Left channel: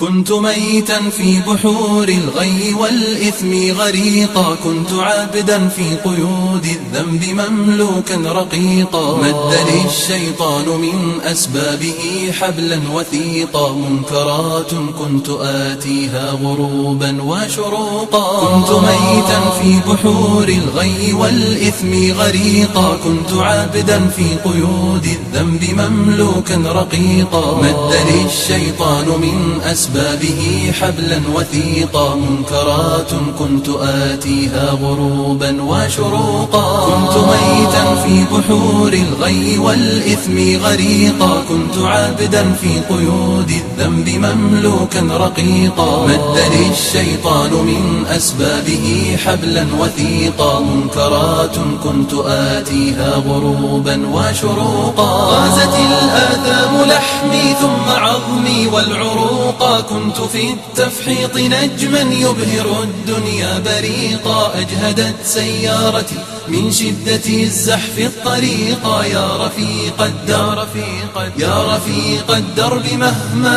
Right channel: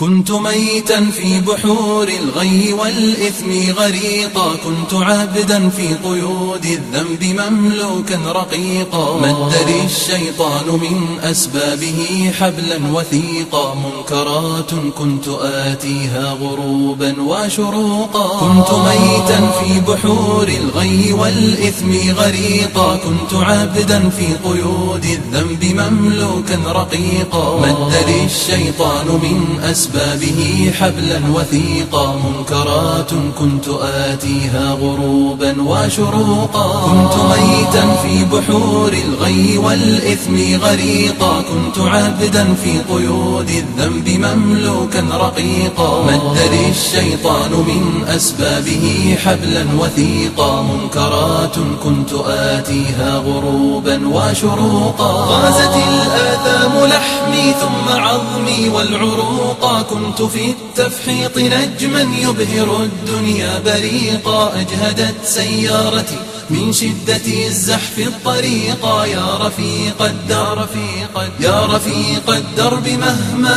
كنت ميتا في بحور الغي والإثم غريقا، كنت عابدا في قيود الذنب مملوكا رقيقا. مد لي الشيطان من أسبابه حبلا وثيقا، منكرات كنت آتيها غروبا وشروقا. كنت ميتا في بحور الغي والإثم غريقا، كنت عابدا في قيود الذنب مملوكا رقيقا. مد لي الشيطان من أسبابه حبلا وثيقا، منكرات كنت آتيها غروبا وشروقا. كنت ميتا في بحور الغي والإثم غريقا، كنت عابدا في قيود الذنب مملوكا رقيقا. مد لي الشيطان من أسبابه حبلا وثيقا، منكرات كنت آتيها غروبا وشروقا. غازت الآثام لحمي ثم عظمي والعروقا، كنت في التفحيط نجما يبهر الدنيا بريقا. أجهدت سيارتي من شدة الزحف الطريقا، يا رفيق الدرب مهما